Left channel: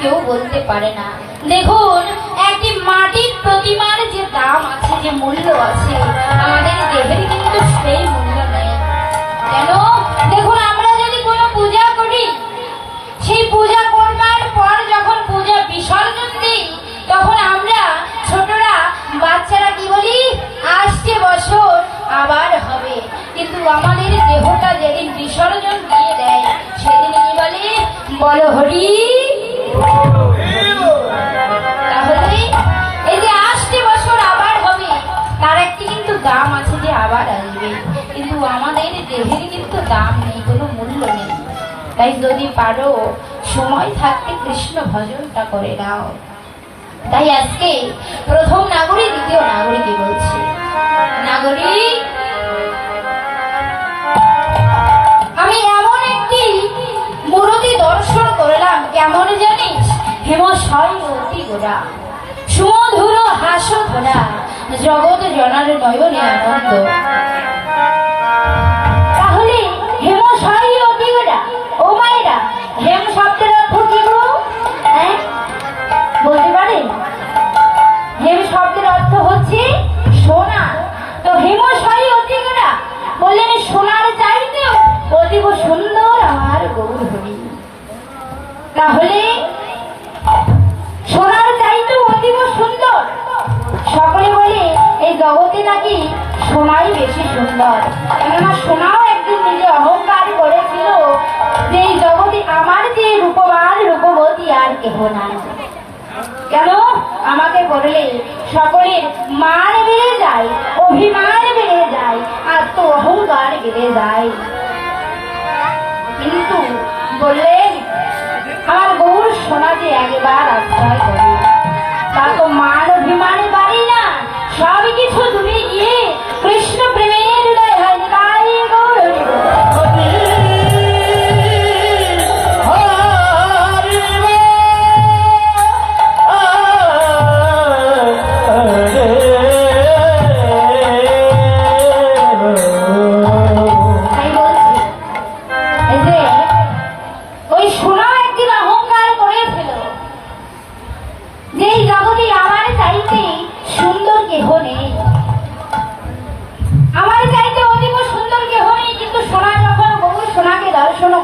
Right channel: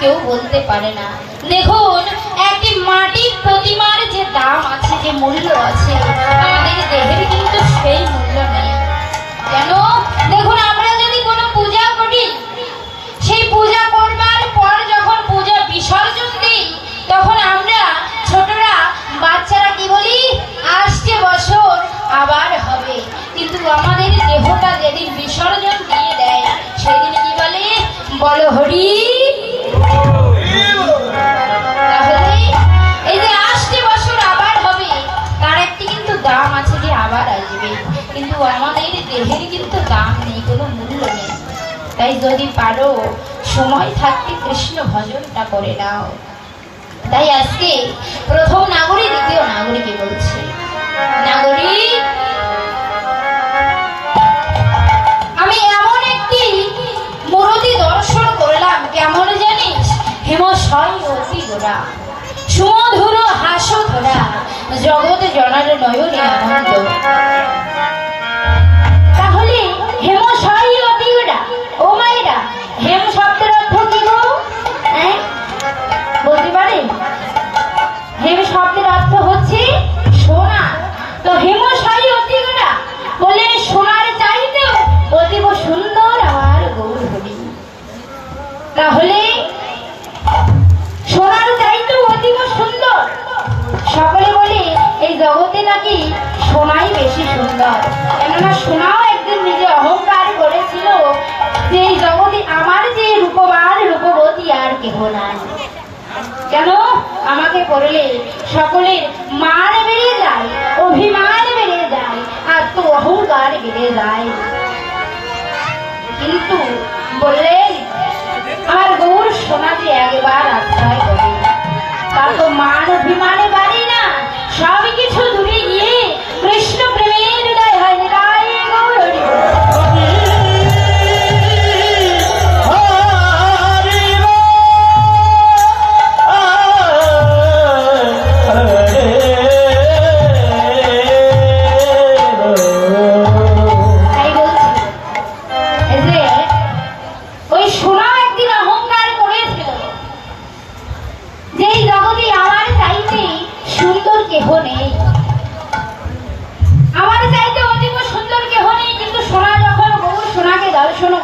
কেউ বলতে পারে না। দেখুন একটি মাটির প্রতিমার যে দাম আছে, যে মূল্য আছে, আমাদের দেহের কিন্তু সেই মূল্য নেই। কেন? দেখুন আমরা যদি কোনো পূজা করি, সেই পূজা করবার পর যখন পূজা বিসর্জন দিই, তখন আমরা ছোটরা বাচ্চারা কি বলি? আসছে বছর আবার হবে। কিন্তু আমাদের দেহটা যেদিন বিসর্জন দিয়ে দেয়, সেদিন কি বলে? বলো হরি। তাহলে এই যে আসছে বছর আবার হবে, তার একটি কিন্তু দাম আছে, যে আবার আসবে। কিন্তু আমাদের দেহের কিন্তু দাম নেই, কোনো মূল্য নেই। তাই যদি পারো সময় থাকতে কৃষ্ণ ভজনটা করে নাও। তাই আজকে প্রথম নাগরিক দ্বিতীয় নাগরিকই বলছে, নাগরিক ধরা, সুমধুর হাস ধরা, জগৎ জনার নয়নে আনন্দ। তাহলে হেম সাই অতিগড়া, ও মায়েরা, হেম শব্দের অর্থ কি গো? বলতে পারে? হেম শব্দের অর্থ হচ্ছে সোনা। তো হেম সাই অতিগড়া বললেন সোনার চাইতেও অতীব সুন্দর আমার গৌর হরি। তাহলে সোনার চাইতেও অতীব সুন্দর। সকলে বলে এই জগতে নাকি সোনাই বেশি সুন্দর। কেননা সোনাও একদিন নিজে অহংকার করেছিল যে এই জগতে আমার যে রূপবান রূপবতী আর কেহ নাই। কেন আমাকে করলে সকলের মান বেড়ে যায়, অভিমান বেড়ে যায়, আর তো অহংকার বেড়ে যায়। কিন্তু বললেন আমার গৌর সোনাকে একবার আশ্রয় করি, তার তো মান অভিমানে পারি না, সব কিছু দূরে গিয়ে কৃষ্ণ প্রেমের হৃদয় হয়। তাই গৌর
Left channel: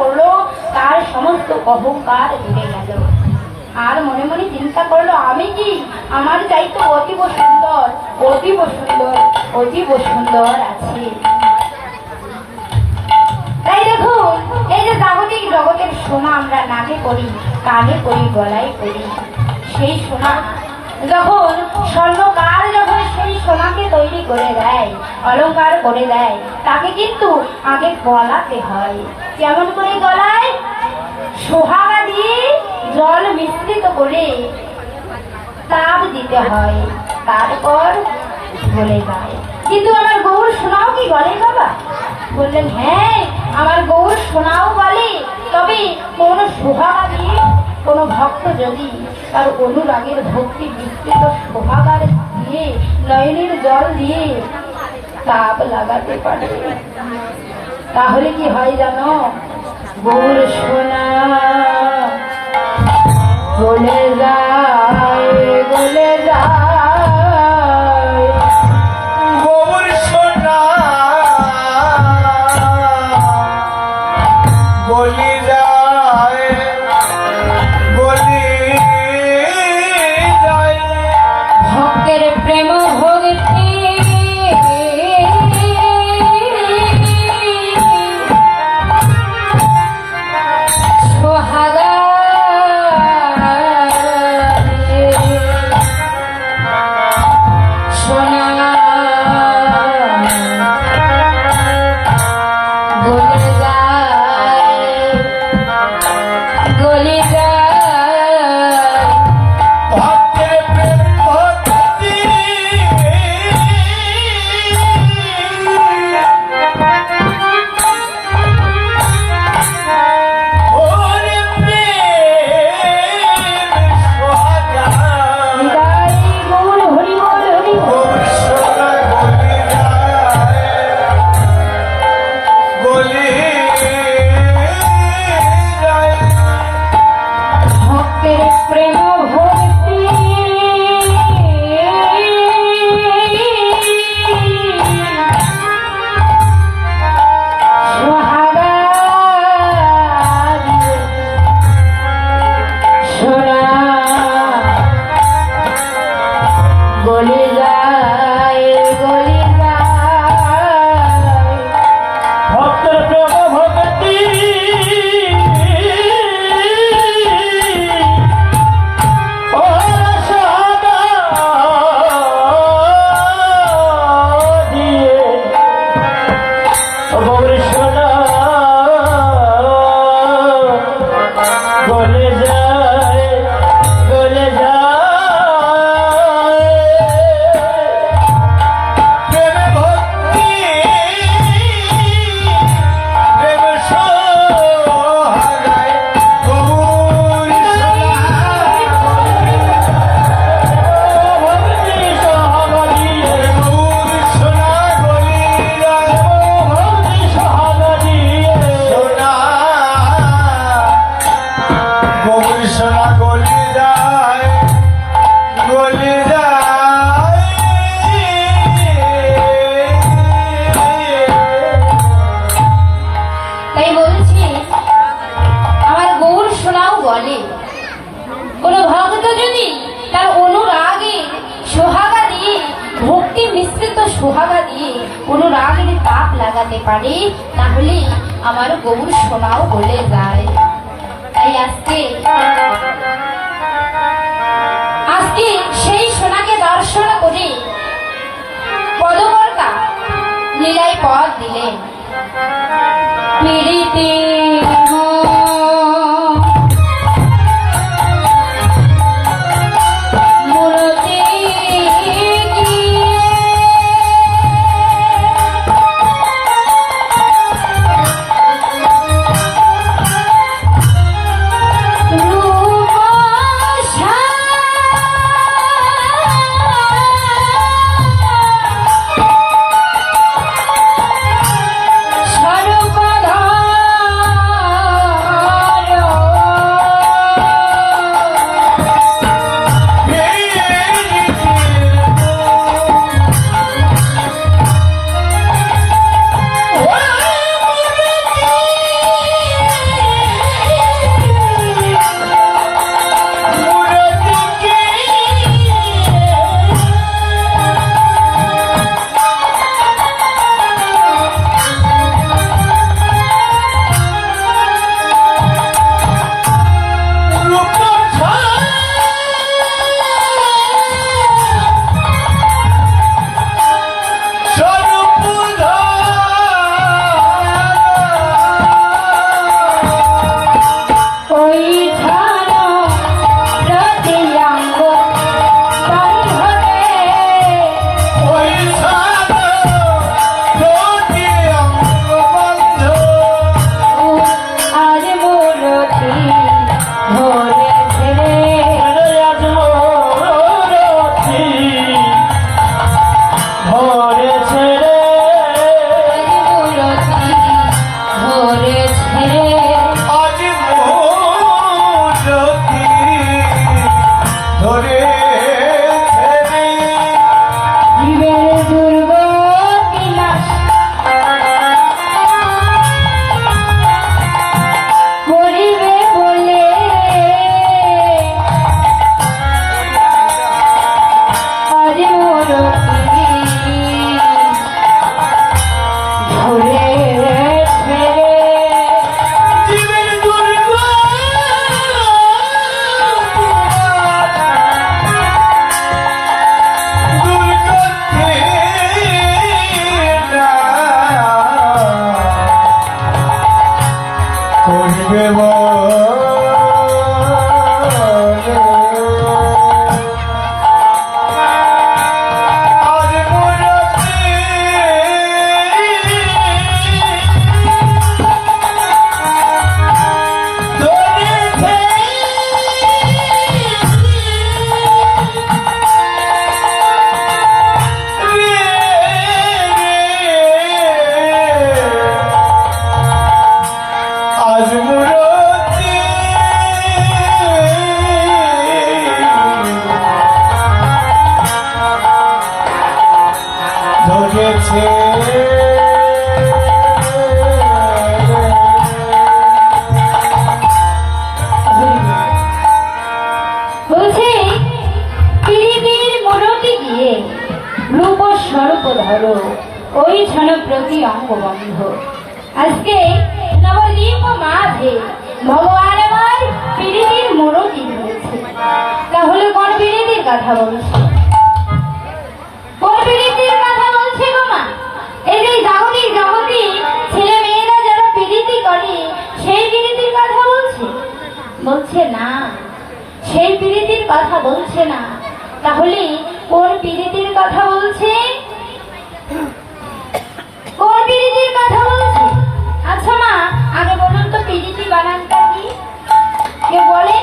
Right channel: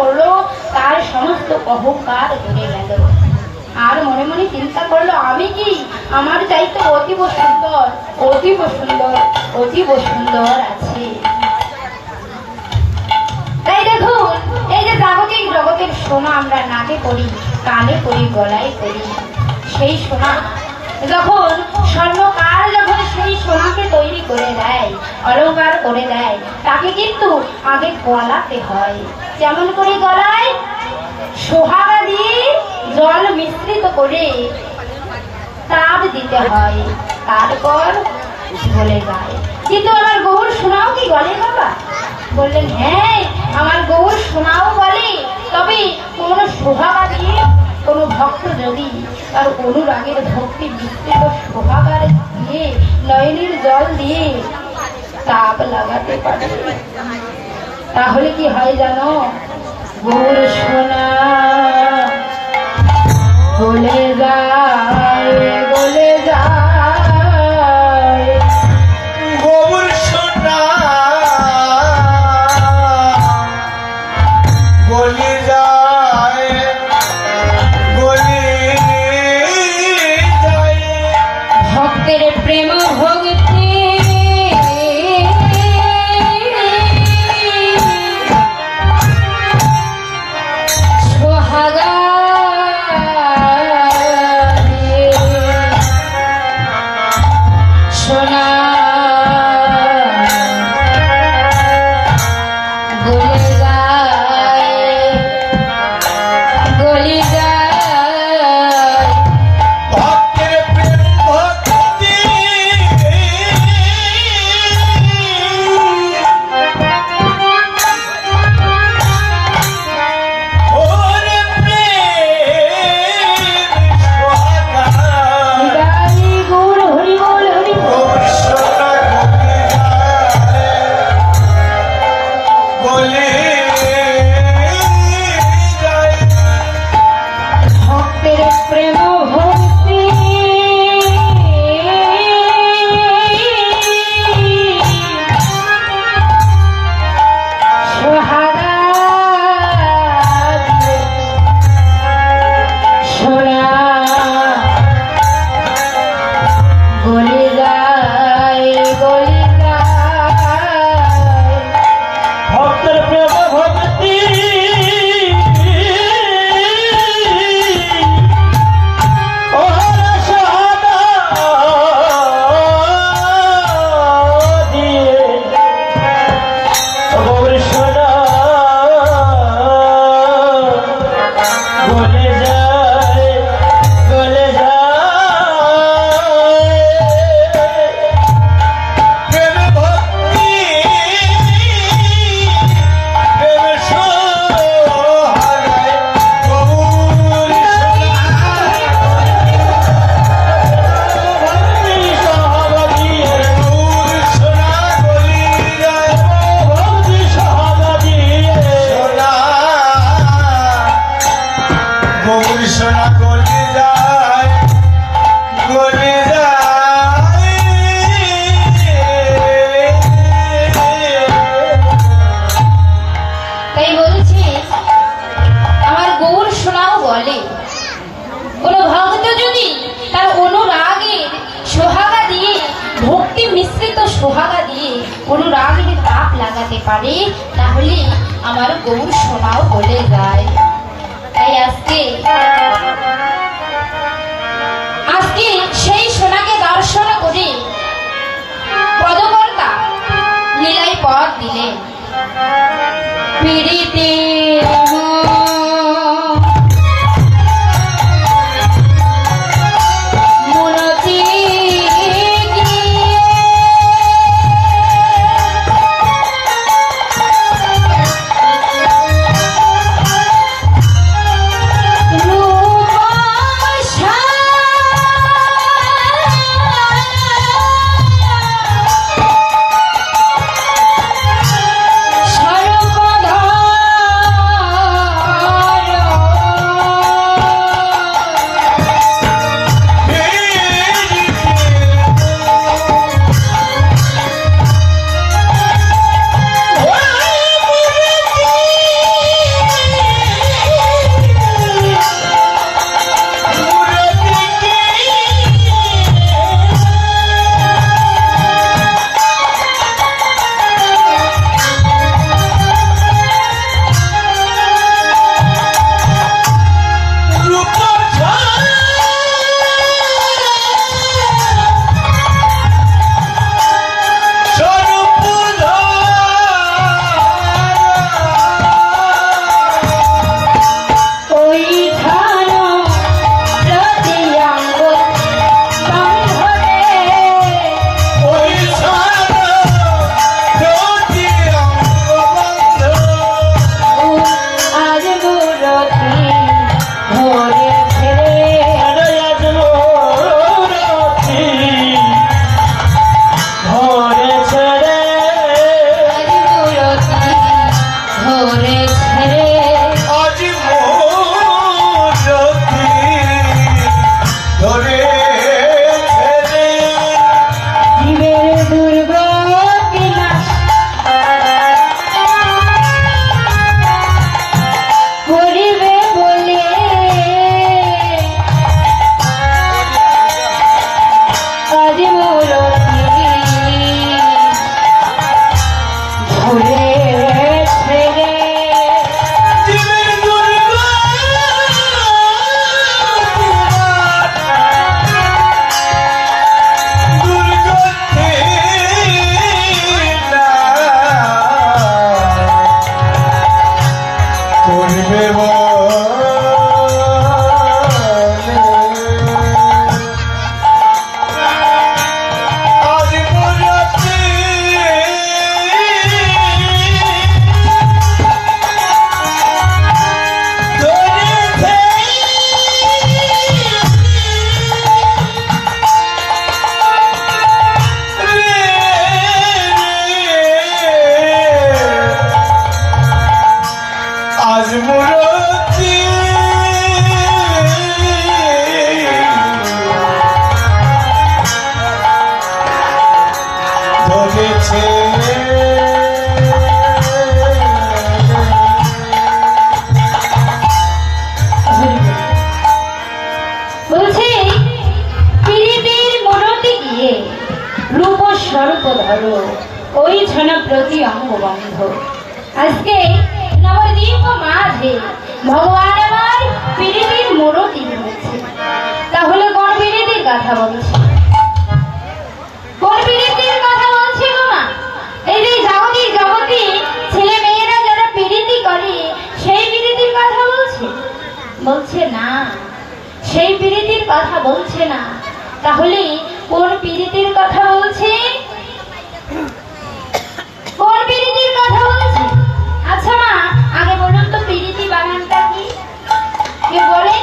করলো, তার সমস্ত অহংকার ঘুরে গেল। আর মনে মনে চিন্তা করলো আমি কি আমার চাইতে অতীব সুন্দর, অতীব সুন্দর, অতীব সুন্দর আছে। তাই দেখুন এই যে জাগতিক জগতের সোনা আমরা নাকে করি, কানে করি, গলায় করি, সেই সোনা যখন স্বর্ণকার যখন সেই সোনাকে তৈরি করে দেয়, অলংকার করে দেয়, তাকে কিন্তু আগে গলাতে হয়। যেমন করে গলায় সোহাগা দিয়ে জল মিশ্রিত করে তাপ দিতে হয়, তারপর গলে যায়। কিন্তু আমার গৌর সোনাও কি গলে বাবা? বললেন হ্যাঁ আমার গৌর সোনাও গলে, তবে কোন সোহাগা দিয়ে কোন ভক্ত যদি তার অনুরাগের ভক্তি বিস্তৃত সোহাগার দিয়ে নয়নের জল দিয়ে তাপ লাগাতে পারে, তাহলে কি হয় জানো? গৌর সোনা গলে যায়, গলে যায়, গৌর সোনা গলে যায়, গলে যায়। ভক্তের প্রেম ভক্তি সোহাগা সোনা গলে যায়, গলে যায়। ভক্তের প্রেম ভক্তি ওরে প্রেম সোহাগা গৌর হরি বল, হরি বল। গৌর সোনা গলে যায়, গলে যায়। ভক্তের প্রেম ভক্তি সোহাগা সোনা গলে যায়, গলে যায়। ভক্তের প্রেম ভক্তি ওরে সোহাগা দিয়ে গৌর সোনা গলে যায়, গলে যায়। প্রেমে ভক্তি প্রেম সোহাগায় গৌর সোনা যেতে পারে তাহলে আমার গৌর সোনাও বলে যায়। তাই আজকে সেই সোনাকে দর্শন করে পদকর্তা লীলায় পথ দিলেন। পিরিতি ওই ছন প্রতি অঙ্গ বন্ধ। আজকে নবদ্বীপ মাঝে ভগবান আমার পিরিতির মূরতি দিয়েছে। তাহলে কোন পিরিতির কথা বলছে? কোন পিরিতির কথা বলছে গো মা? এই যে জাগতিক জগতে ছেলে মেয়েরা যারা পিরিতি করে সেই পিরিতির কথা বলছে? বলছে না, সেই পিরিতির কথা বলছে না। তাহলে কোন পিরিতির কথা বলছে? কোন পিরিতির কথা বলছে? আচ্ছা মা, আগে বলুন তো পিরিতি বানানটা কি? কে বলে?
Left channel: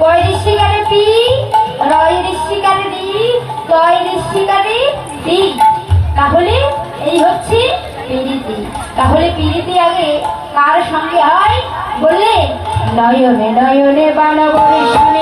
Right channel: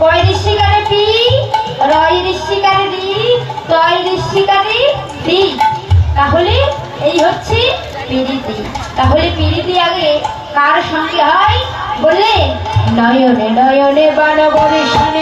পয় ঋষিকারে পি, রয় ঋষিকারে দি, তয় ঋষিকারে দি। তাহলে এই হচ্ছে পিরিতি। তাহলে পিরিতি আগে কার সঙ্গে হয় বললে? নয়নে নয়নে বানবরিশনে